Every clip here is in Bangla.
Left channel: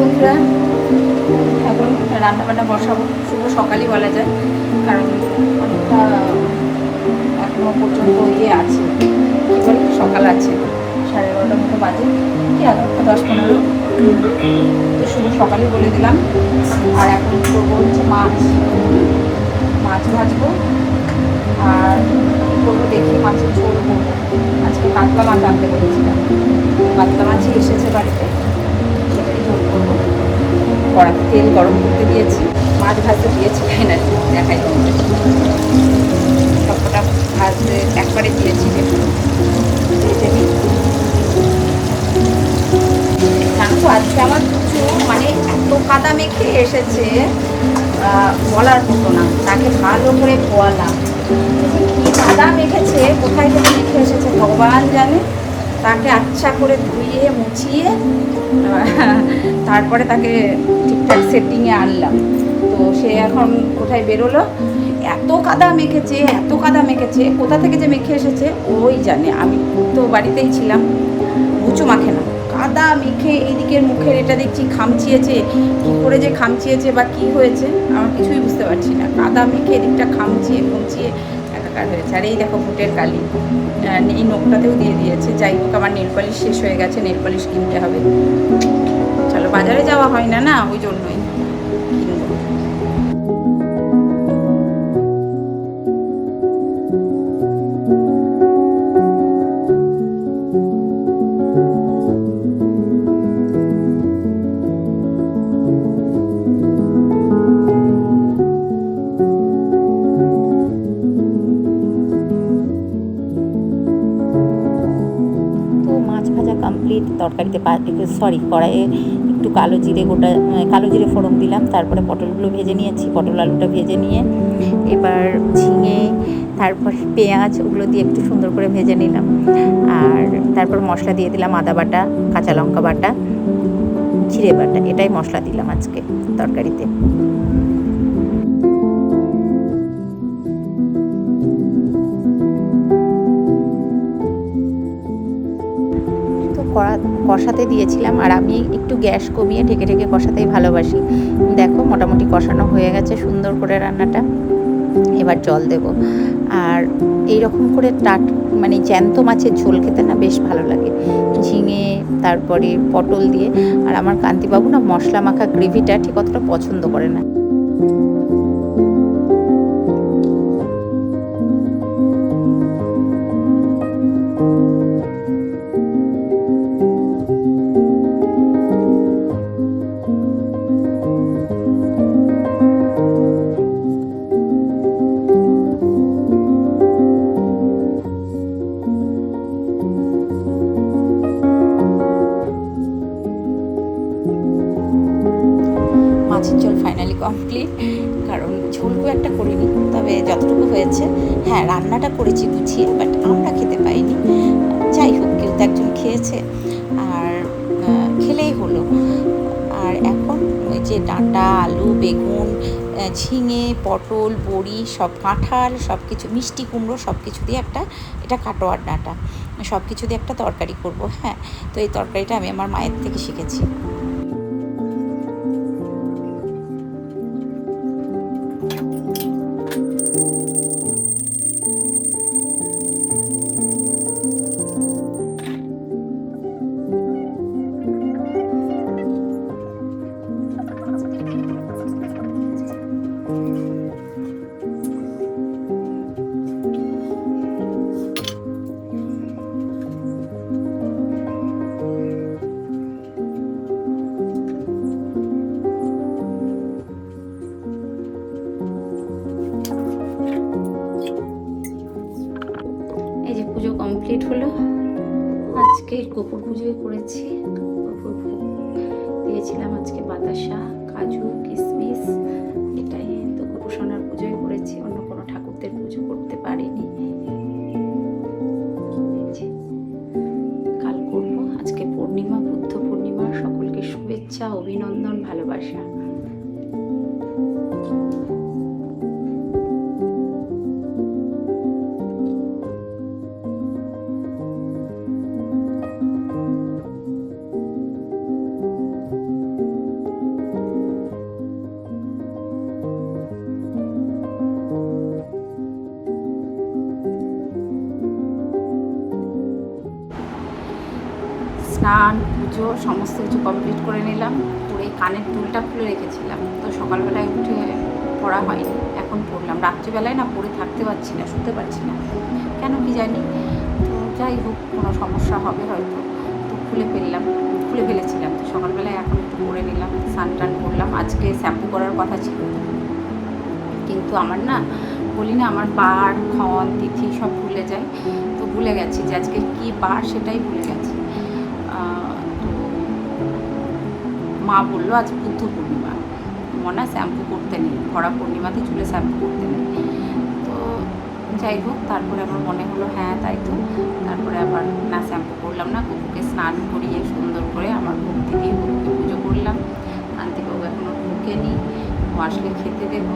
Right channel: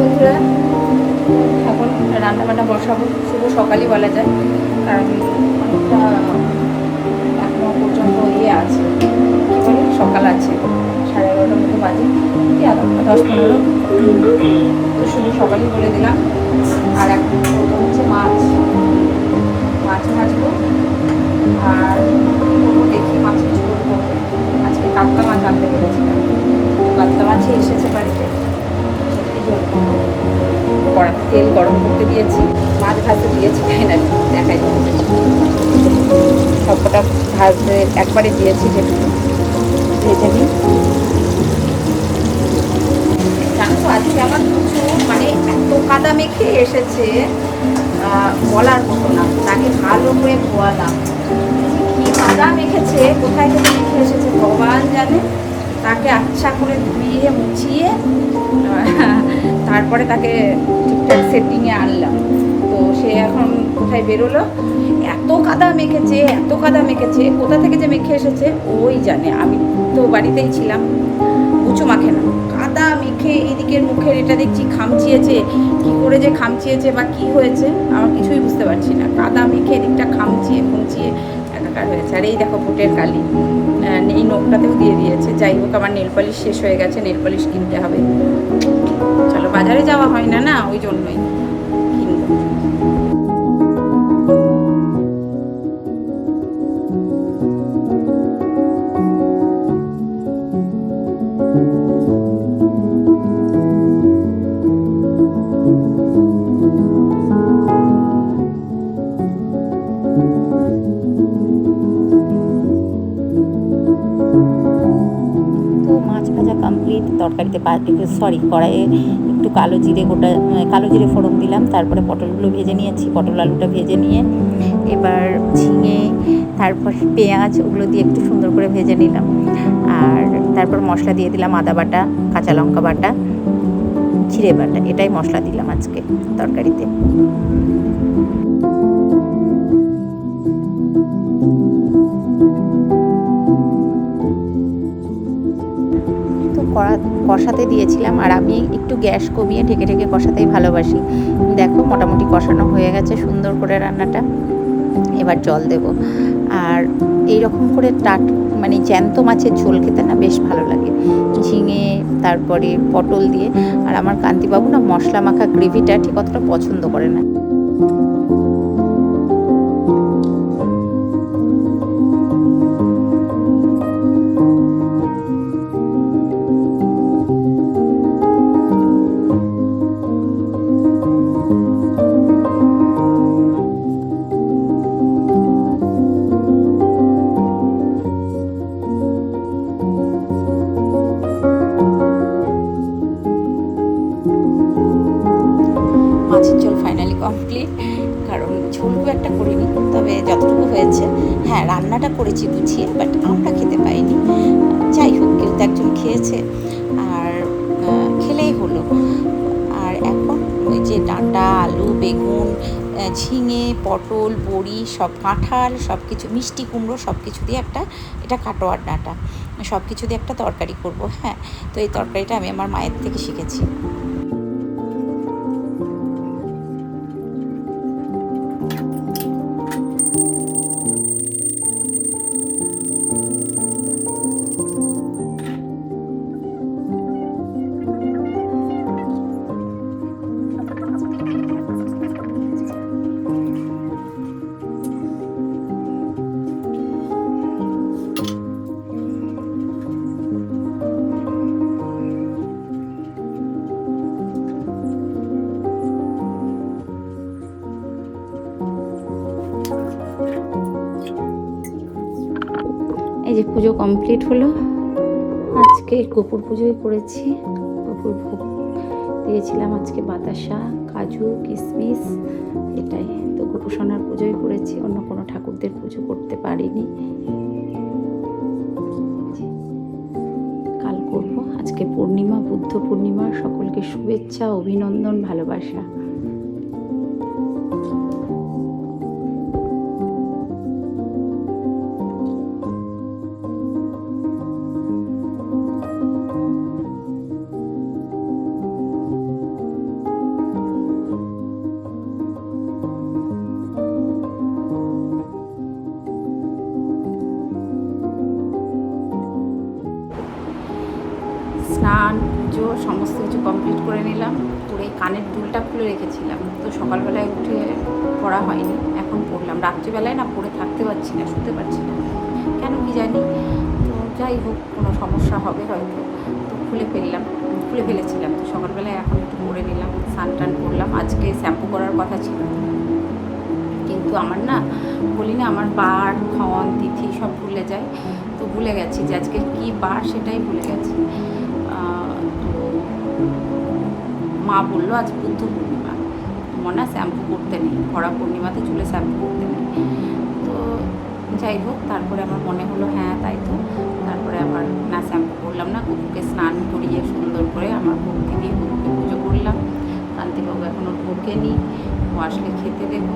বন্ধুরা, এখন রান্না বান্না বসাবো। শুধু সকালই বলা যায়, কারণ অনেকটা এখনো পর্যন্ত আছে, কী বলে, সকাল আছে। 11:30 মতো বাজে, কি 11:10-15। তো শুধু সকালই বলে দিলাম। আর এখন করবো হচ্ছে মাছ ভাজবো। আর করবো দেখি মাছের ঝোল করবো। আজকে কাতলা মাছ আনতে বলেছিলাম, কাতলা মাছই এসেছে বাড়িতে, সেটাই ঝোল করবো। কড়াতে তেল গরম করতে দিয়েছি, মাছ ভাজতে দিয়েছি। ফাইনালি দেখাই তোমাদের, সবকটা ভাজতে একবারে দিয়েছি। দেখুন ভেজে নিই। জানো তো আজকে আমার প্রচুর মানে এত কাদা মেখে এসেছে, বলার মতো না। তাকে ভালো করে ধোয়ালাম, কি কাদা মেখেছে, কোথায় থেকে মেখে এসেছে ভগবান জানে। তাকে আচ্ছা করে ধুইয়ে মুছিয়ে তারপরে তাকে ঠিকঠাক সেটিংয়ে আনলাম। তো সে এখন কোথায় বেরোলো। এত কাদা মেখেছে, কোথা থেকে যে মেখে এসেছে ওই জানে। আমি তো বাড়িতেই ছিলাম, গুচু মাখে না, কাদা মেখে এইদিকের মুখের এটা দেখছি খামচিয়েছে। কি করে যে খামচিয়েছে বা কি হয়েছে আমার কিছুই বুঝতে পারছি না। কাদা মেখে এদিকটা খামচিয়ে একাকার হয়েছে। আর এই দেখো ফুটের কালি, এই নখটাতেও দিয়ে দিয়েছে। যাই হোক, আমার নেল পালিশ শেষ হয়ে গেছে, নেল পালিশ কিনতে হবে। চলো, বাজারে যাওয়া হয় না, ওই জন্যই কিনবো। মাছ ভাজা কমপ্লিট। তরকারিতে কড়াইয়ে একটু কালো জিরে ফোড়ন দিলাম। তারপরে পটলগুলো ভেজে নিয়েছি, পটল আলুটা ভেজে নিয়ে এবার ঝিঙে, তারপর পেঁয়াজ, ওগুলো দিয়ে একটু সুন্দর করে ভেজে নিলাম। আর তারপর মশলা দিয়ে দিলাম আদা বাটা, কাঁচা লঙ্কা বাটা, জিরে বাটা। এটাই মশলা দিলাম আজকে তরকারিতে। কষাতে দিয়েছিলাম, আর আমি একটু গ্যাস কমিয়ে ঢেকে ঢেকে কষাতেই ভালোবাসি। দেখো মোটামুটি কষানো হয়ে গেছে সুন্দর করে রান্নাটা। এবার জল দেব। আর এই রকম করে মানে জ্যান্ত মাছের ঝোল খেতে না বেশ ভালো লাগে, ঝিঙে তারপরে পটল দিয়ে। আর আমার কান্তিবাবু না মশলা মাখা গ্রেভিটা ঠিক অতটা পছন্দ করে না। মাছের ঝোল ফাইনালি কমপ্লিট। কারণ ঝোল খুব একটা করিনি, তবে যতটুকু হয়েছে, হ্যাঁ রান্নাটা করেছি গুছিয়ে, বাট আমরা খেতে পাইনি। যাই হোক, কেউ তো একজন খেয়েছে, আর খেলেই হলো। আর এখন ওই যে ডাঁটা, আলু, বেগুন, ঝিঙে, পটল, বড়ি, সব কাঁঠাল, সব কিছু, মিষ্টি কুমড়ো, সব কিছু দিয়ে এটা কাটোয়ার ডাঁটা, সব কিছু দিয়ে একটা তরকারি করব। হ্যাঁ, তো এই তরকারিটা আমি আমার মায়ের থেকে শিখেছি। এই যে পুজো কমপ্লিট হলো। আজকে কুকুর পুজোয় করেছি, কুকুর ভোগ দিয়েছিলাম আজকে, বাতাসা, কাজু, কিশমিশ, এটাই। তো কুকুর সোনার পুজোয় করেছি, অন্য কোনো ঠাকুরদের পুজো করতে পারিনি। কাল করব। আজকে পূর্ণিমা, বুদ্ধ পূর্ণিমা। সকলকে শুভেচ্ছা, অভিনন্দন, ভালোবাসা। স্নান পুজো সমস্ত কিছু কমপ্লিট করে নিলাম, করে কানের দুলটা খুলে রেখেছিলাম। তো সকালবেলায় উঠে পড়া হয়নি, এখন পড়লাম। রাত্রিবেলায় না পড়ে থাকতে পারছি না, শুতে পারছি না, কেন কি জানি। তো যাই হোক, কোনো সমস্যা হবে হয়তো, তো খুলে ফেলেছিলাম। তো সকালবেলায় এখন একটু পরে নিলাম, স্নান টান করলাম। আজকে শ্যাম্পু করার কথা ছিল, কিন্তু আমার না বলি না, আমার বার ক্ষণ তিথি সব ভুলে যায়। তো ভুলে গেছি যে আজকে কী বার, সেটাই ভুলে গেছি। তো মা বললো আজ বুদ্ধ পূর্ণিমা, মনে শ্যাম্পু করতে নেই, ভরা পূর্ণিমাতে চুলে শ্যাম্পু করতে নেই। তো যাই হোক, তারপরে আমার মনে হলো হ্যাঁ তাই তো। তারপরে আবার না শ্যাম্পু করলাম না, কুকুরকে স্নান করিয়ে সুন্দর করে আমার ভক্তি দিয়ে হলুদকে পুজো করলাম। কান্তিবাবু এখনও ঢোকেনি, ও আসলে খেতে দেবো,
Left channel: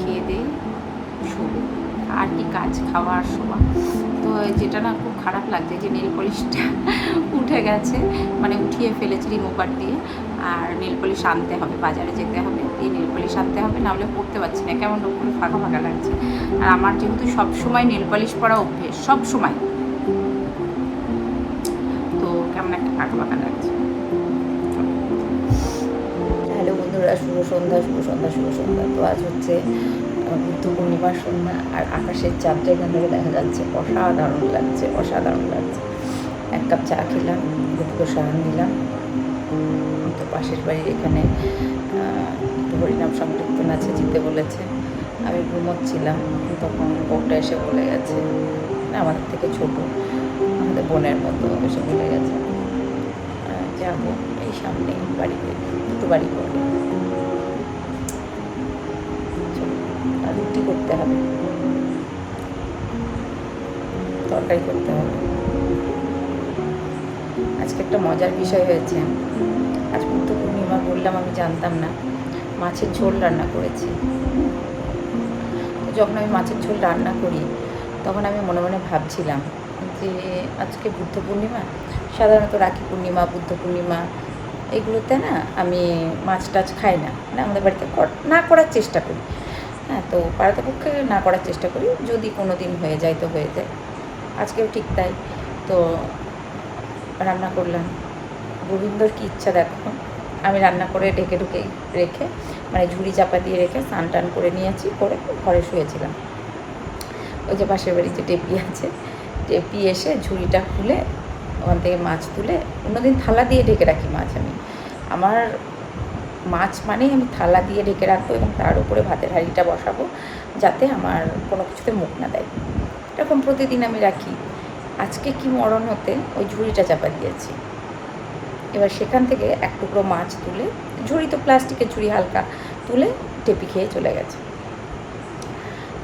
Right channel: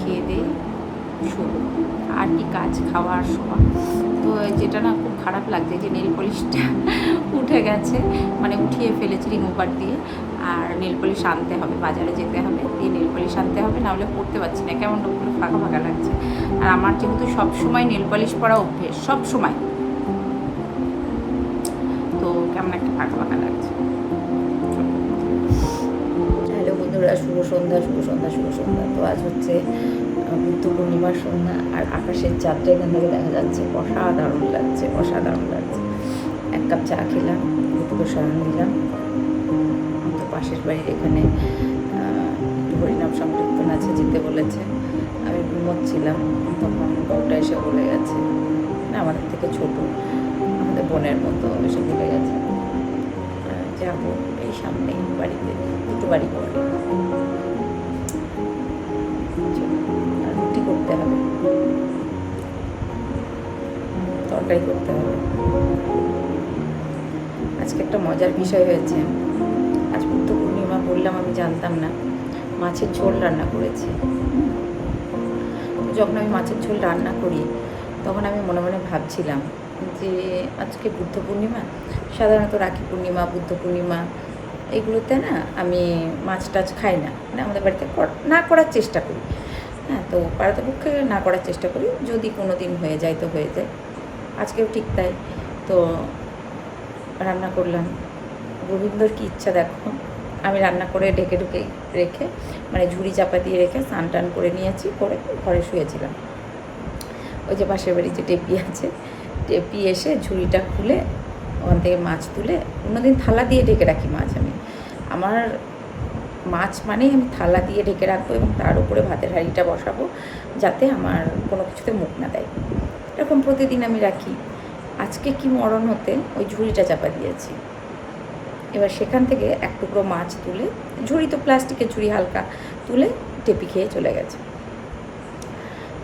খেয়ে দিয়ে শোবো। আর কি কাজ, খাওয়া আর শোয়া। তো যেটা না খুব খারাপ লাগছে যে নেল পলিশটা উঠে গেছে, মানে উঠিয়ে ফেলেছি রিমুভার দিয়ে। আর নেল পলিশ আনতে হবে, বাজারে যেতে হবে, দিয়ে নেল পলিশ আনতে হবে, নাহলে পরতে পারছি না, কেমন করে ফাঁকা ফাঁকা লাগছে। আর আমার যেহেতু সবসময় নেল পলিশ পরা অভ্যেস, সব সময়, তো কেমন একটা ফাঁকা ফাঁকা লাগছে। হ্যালো বন্ধুরা, শুভ সন্ধ্যা। তো আজ হচ্ছে বুদ্ধ পূর্ণিমার সন্ধ্যা, আর আকাশের চাঁদটা এখান থেকে দেখা যাচ্ছে, অসাধারণ লাগছে। এক কাপ চা খেলাম, দুটো সারান দিলাম। তো পাশের বাড়ির এখানে একটু হরিনাম সংকীর্তন আছে, যেতে বলেছে। আমি ঘুমোচ্ছিলাম, তখন বউটা এসে বলে গেছে, না আমাদের থেকে ছোটো, আমাদের বোনের মতো, এসে বলে গেছে যাবো এই সামনে বাড়িতে, দুটো বাড়ি পরে রুটি করতে হবে, তরকারি করতে হবে। আজকে একটা মজার বিষয় হয়েছে, আজ বুদ্ধ পূর্ণিমা বললাম, আমি জানতাম না, মাছের ঝোল রান্না করেছি। যখন আমি মাছের ঝোল রান্না করি, তখন আমি মনে মনে ভাবছিলাম যে আজকে বুদ্ধ পূর্ণিমা, সাধারণত রাখি পূর্ণিমা, বুদ্ধ পূর্ণিমা, এগুলোতে না আমি মাছ টাছ খাই না, মানে আমাদের বাড়িতে না করার চেষ্টা করি। হ্যাঁ, তো পারতপক্ষে না করার চেষ্টা করি, যদি কোনো দিন হয়ে যায় তো হয়ে যায়। আজকেও ঠিক তাই। তো রান্না করলাম। গোবিন্দর কী ইচ্ছা দেখো, আমি রান্না করে ঢেকে রেখে, মানে ঝুড়ি চাপা দিয়ে রেখে স্নান টান করে নিয়েছি, করে ঘরে শুয়েছিলাম। ওই যে পাশের বাড়ি যে টেপি আছে, টেপি এসে ঝুড়িটা খুলে ওখান থেকে মাছ তুলে, অন্যদিন থালা দিয়ে ঢেকে রাখি মাছ। আমার মাছ মানেই আমি থালা দিয়ে ঢেকে রাখবো, এবং তার উপরে ভাতের হাঁড়িটা বসাবো, যাতে আমার কোনো কিছুতে মুখ না দেয়। এরকম প্রতিদিন আমি রাখি। আজকে কি মরণ হতে ওই ঝুড়িটা চাপা দিয়েছি। এবার সেখান থেকে এক টুকরো মাছ তুলে, ঝুড়ি তো প্লাস্টিকের ঝুড়ি, হালকা তুলে টেপি খেয়ে চলে গেছে।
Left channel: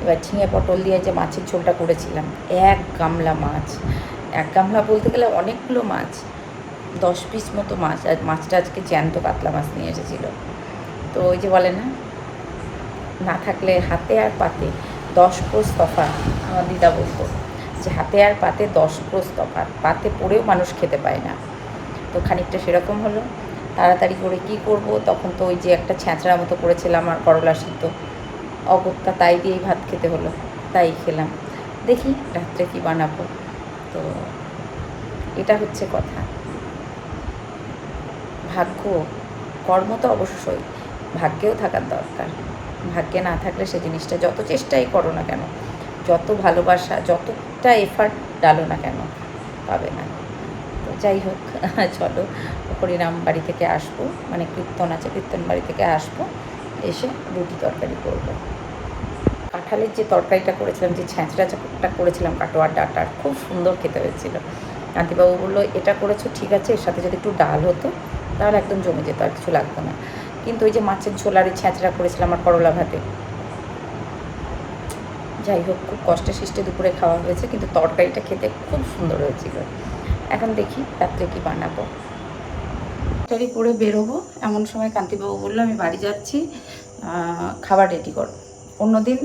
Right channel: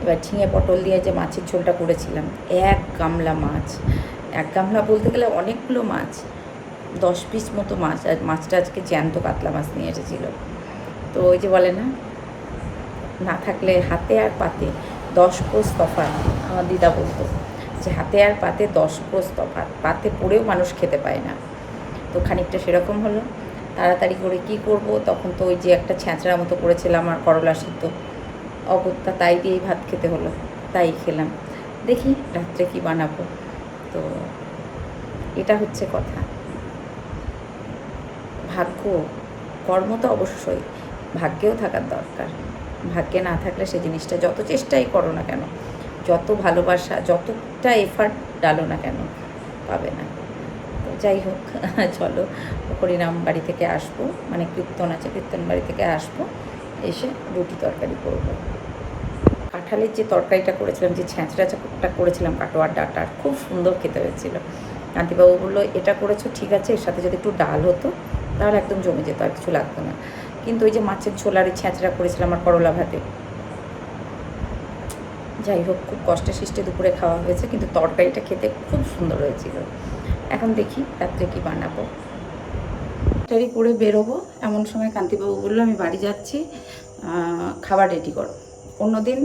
এবার ঝিঙে পটল দিয়ে যে মাছের ঝোলটা করেছিলাম, এক গামলা বলতে গেলে অনেকগুলো মাছ, 10 পিস মতো মাছ। আর মাছটা আজকে জ্যান্ত কাতলা মাছ নিয়ে এসেছিলো। তো ওই যে বলে না থাকলে হাতে আর পাতে 10 ক্রোশ তফাৎ, আমার দিদা বলতো যে হাতে আর পাতে 10 ক্রোশ তফাৎ, পাতে পড়েও মানুষ খেতে পায় না। তো খানিকটা সেরকম হলো। তাড়াতাড়ি করে কি করব, তখন তো ওই যে একটা ছ্যাঁচড়া মতো করেছিলাম আর করলা সিদ্ধ, অগত্যা তাই দিয়েই ভাত খেতে হলো, তাই খেলাম। দেখি রাত্রে কি বানাবো। তো এটা হচ্ছে কথা। ভাগ্য, কর্ম তো অবশ্যই ভাগ্যেও থাকার দরকার। ভাগ্যে না থাকলে সে জিনিসটা যত চেষ্টাই করো না কেন, যত ভালোবাসা, যতটা এফার্ট ডালো না কেন, পাবে না। তো যাই হোক, চলো হরিনাম বাড়ি থেকে আসবো, মানে কীর্তন আছে, কীর্তন বাড়ি থেকে আসবো, এসে রুটি তরকারি করবো। কাঁঠালের যে তরকারিটা করেছিলাম, যে ছ্যাঁচড়াটা করেছিলাম কাটোয়ার ডাঁটার, খুব সুন্দর খেতে হয়েছিল। কান্তিবাবু বললো এটা করেছো ঠিক আছে, এর সাথে যদি একটু ডাল হতো তাহলে একদম জমে যেত, আর কিছু লাগতো না। কিন্তু ওই যে মাছের ঝোল আর ছ্যাঁচড়া করেছিলাম আর করলা ভাতে, যাই হোক খুব কষ্টে সৃষ্টে দুপুরে খাওয়া হয়েছে, কিন্তু তরকারিটা খেতে খুব সুন্দর হয়েছিল। এখন দেখি রাত্রে কি বানাবো। তরকারি করে বেরোবো, এমন সময় কান্তিবাবু বললো আমি বাড়ি যাচ্ছি, খাবার রেডি করো। অন্যদিন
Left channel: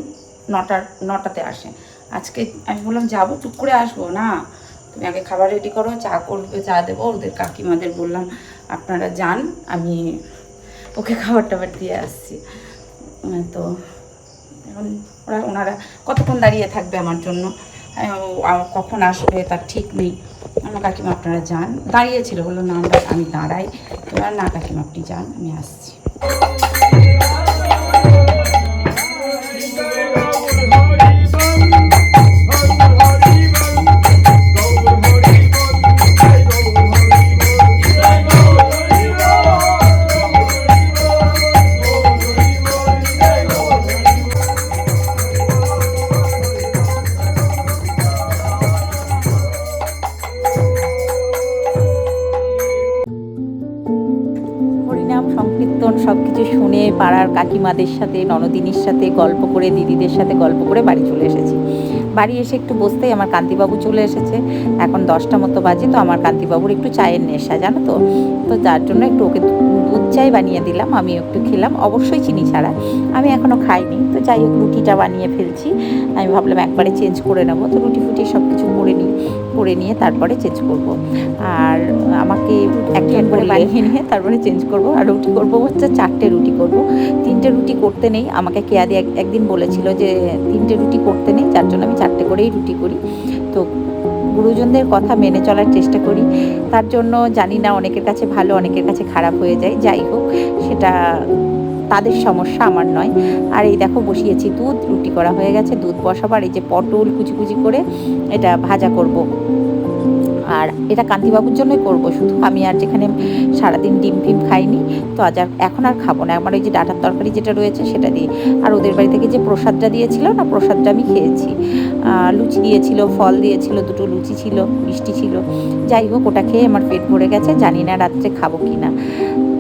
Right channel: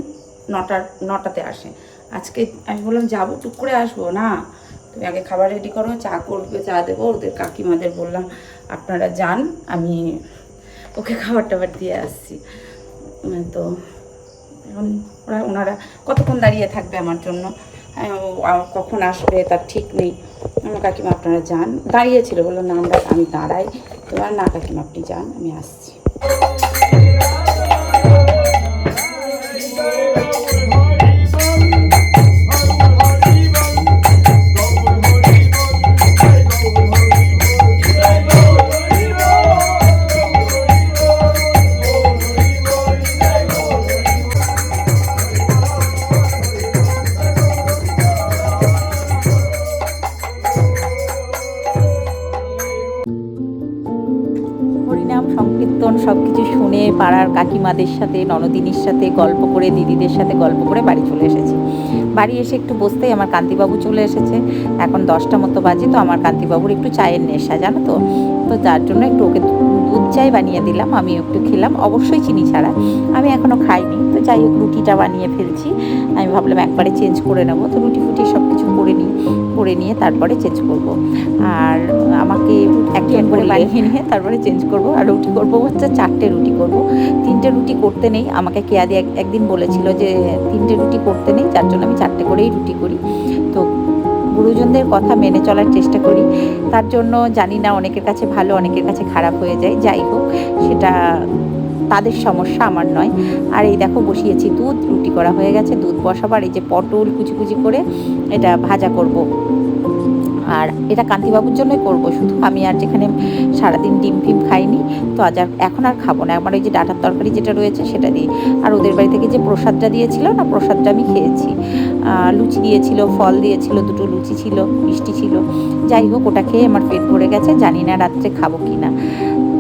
9টাতে আসে, আজকে আমি বললাম যাবো, চুপ করে আসবো না, তুমি আগে খাবার রেডি করো, চা করবে, চা দেবো। ওদের কাকিমাদের বললাম আপনারা যান, আমি ওকে খাবার টাবার দিয়ে আসছি। তো এখন ওনারা কতক্ষণ দাঁড়িয়ে থাকবে আমার জন্য, কখন আসবে তার ঠিক নেই। আমার কাকিমা আপনারা যান, দাঁড়িয়েছিল, বললো না আমি দাঁড়াই। তোরা না কাকিমা আপনি যান, আমি আসছি। হরিনাম সংকীর্তন সব কিছু শুনে পাড়ার কাকিমাদের সাথে, ননদিনীর সাথে গল্প করে, দিদিদের সাথে গল্প করে বাড়ি চলে এসেছি। বাড়ি এসে একটু বসতেই আমার কান্তিবাবু চলে এসেছে। এখন 10টা মতো বাজে। তো আমার কান্তিবাবুর একটু চায়ের নেশা, জানো তো, যার জন্য একটু ওকে দুধ চাই বানিয়ে দিলাম, আমি একটু খেলাম, অবশ্যই চিনি ছাড়া। আমি এখনও খাইনি, তো যাই হোক রুটিটা বানিয়ে ফেলছি। আমি ভাবলাম একবারে চেঞ্জ করে নেবো, তো রুটি ফুটি সব কিছু করে নিয়ে তারপরে চেঞ্জ করব। আর আমাকে একজন করে বানিয়ে নিয়ে তারপরে চেঞ্জ করব। আর রুটি করব হচ্ছে 4টে রুটি করব। 3টে রুটি করতে নেই, আমাকে কেয়াদি একদিন বলেছিল যে 3টে রুটি করতে নেই, যার জন্য আমি 4টে করেই রুটি করি। তো গুরুজনদের কথা মেনে চলার চেষ্টা করি। তার জন্য জানি না, অনেকের কাছে ভালো, অনেকের কাছে খারাপ হয়ে যায়। যাই হোক, সেটা তাদের সমস্যা, আমার নয়। আর এই দেখো বসিয়েছি দুধ, রুটি করা হয়ে গেছে, দুধ বসাবার। এই যে পটল কুচি কুচি করে এটা ভাজা করব। আর এটা কান্তিবাবুর জন্যই করব শুধু। আমি আর যেখানে সারাদিন ডিম ফিম খাইনি, তো এখন আর খাবো না। আমার ওই যে ডাঁটার তরকারি যেটা রয়েছে সেটা দিয়ে। আর ওদের বাড়ি থেকে যে প্রসাদটা দিয়েছিল না, প্রসাদটা আমি খেয়েছি। লুচি দিয়েছিল, ফল দিয়েছিল, 2টো লুচি ছিল, মিষ্টি ছিল। যাই হোক, ওটা খেয়ে আমার পেট ভরে গেছে। জানি না রাত্রে খাবো কি না,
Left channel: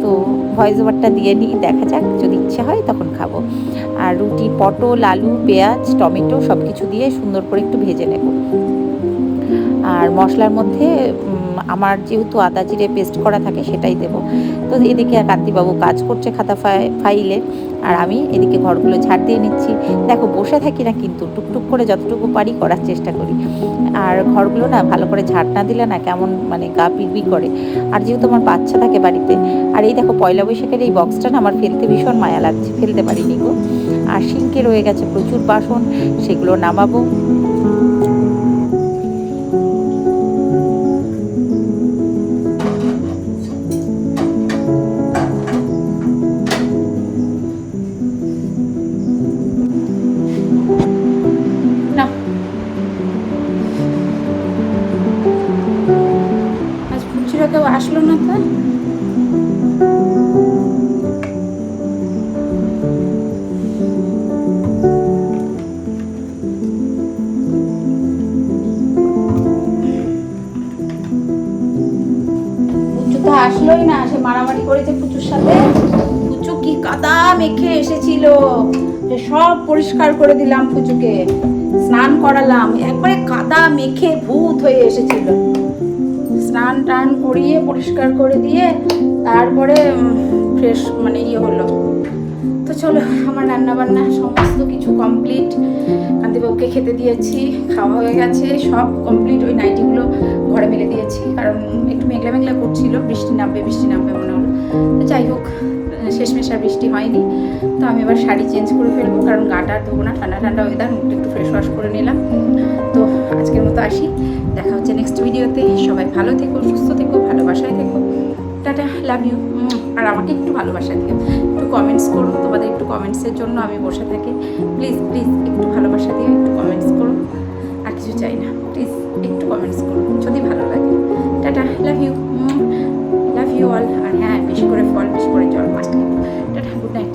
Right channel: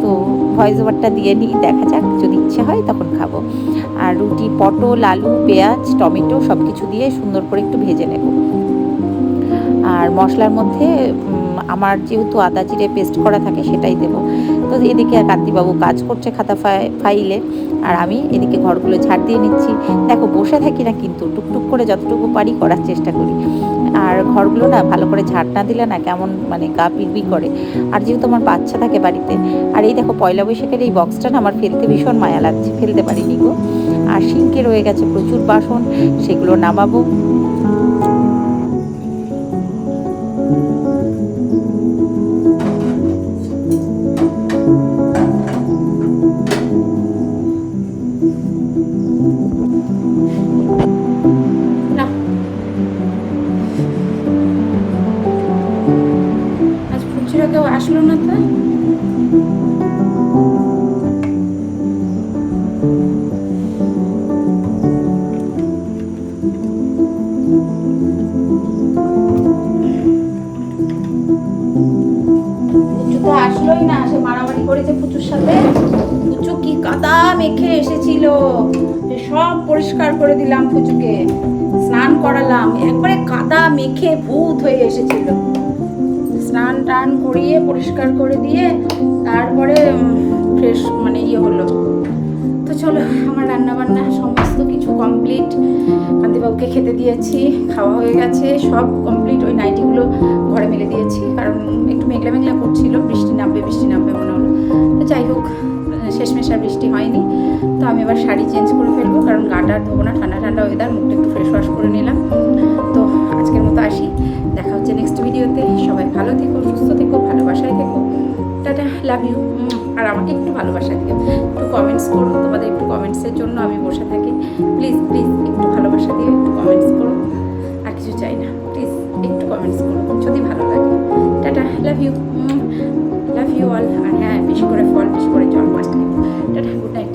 তো ভয়েস ওভারটা দিয়ে নিই, দেখা যাক, যদি ইচ্ছে হয় তখন খাবো। আর রুটি পটল, আলু, পেঁয়াজ, টমেটো সব কিছু দিয়ে সুন্দর করে একটু ভেজে নেব। আর মশলার মধ্যে আমার যেহেতু আদা জিরে পেস্ট করা থাকে সেটাই দেব। তো এদিকে কান্তিবাবু কাজ করছে খাতা ফাইলে, আর আমি এদিকে ঘরগুলো ঝাড় দিয়ে নিচ্ছি। দেখো বসে থাকি না, কিন্তু টুকটুক করে যতটুকু পারি করার চেষ্টা করি। আর ঘরগুলো না ভালো করে ঝাড় না দিলে না কেমন মানে গা পিড়বিড় করে। আর যেহেতু আমার বাচ্চা থাকে বাড়িতে, আর এই দেখো পয়লা বৈশাখের এই বক্সটা না আমার ফেলতে ভীষণ মায়া লাগছে, ফেলতে পারিনি গো। আর সিঙ্কে রয়ে গেছে প্রচুর বাসন, সেগুলো নামাবো। কেউ আসলো না তো। পুচু তো আসলোই না, সে মারামারি করেছে পুচুর সাথে। পুচু কি কাদা মেখে এসেছিল, সব পরিষ্কার করে দিলাম, পুচুকে স্নান করালাম, একবারে কাদা মেখে ভূত হয়ে এসেছিল। স্নান টান করিয়ে পরিষ্কার করে দিয়ে তারপরে ফ্রেশ মানে হলো। তো চলো, আমার রান্নাবান্না সমস্ত কিছু কমপ্লিট। কান্তিবাবুকে খেতে দিয়েছি, খাওয়া হয়ে গেছে, সব কমপ্লিট। ওই নাইটিগুলো ঘরে মেলে দিয়েছি, কারণ একটু মেঘলা মেঘলা করছিল, বৃষ্টি নামবে মনে হলো। তো যাই হোক, শেষমেশ আর বৃষ্টি হয়নি। তো আমি এবার শাড়ি চেঞ্জ করে ফেলবো, কারণ গাটা আর ধোবো না, ঠান্ডা ওয়েদার, মুখটা একটু ফ্রেশ ওয়াশ করে নিলাম। তো আজকের মতো আসি, দেখা হচ্ছে নেক্সট ভিডিওতে। সবাই ভালো থেকো, সুস্থ থেকো, ভালোবাসায় থেকো। Tata, love you. আর আমাকে একটু ভালোবাসা দিও, একটু কমেন্টস করো, তোমাদের একটু কমেন্টসের জন্য আমি বসে থাকি। প্লিজ একটু ভালোবাসা দিও, একটু কমেন্টস করো। আর কিছু চাই না, প্লিজ একটু কমেন্টস করো যদি ভালো লাগে। Tata, love you all. আর হ্যাঁ, বেশি করে ফল, বেশি করে জল, মাস্ট। Tata, good night.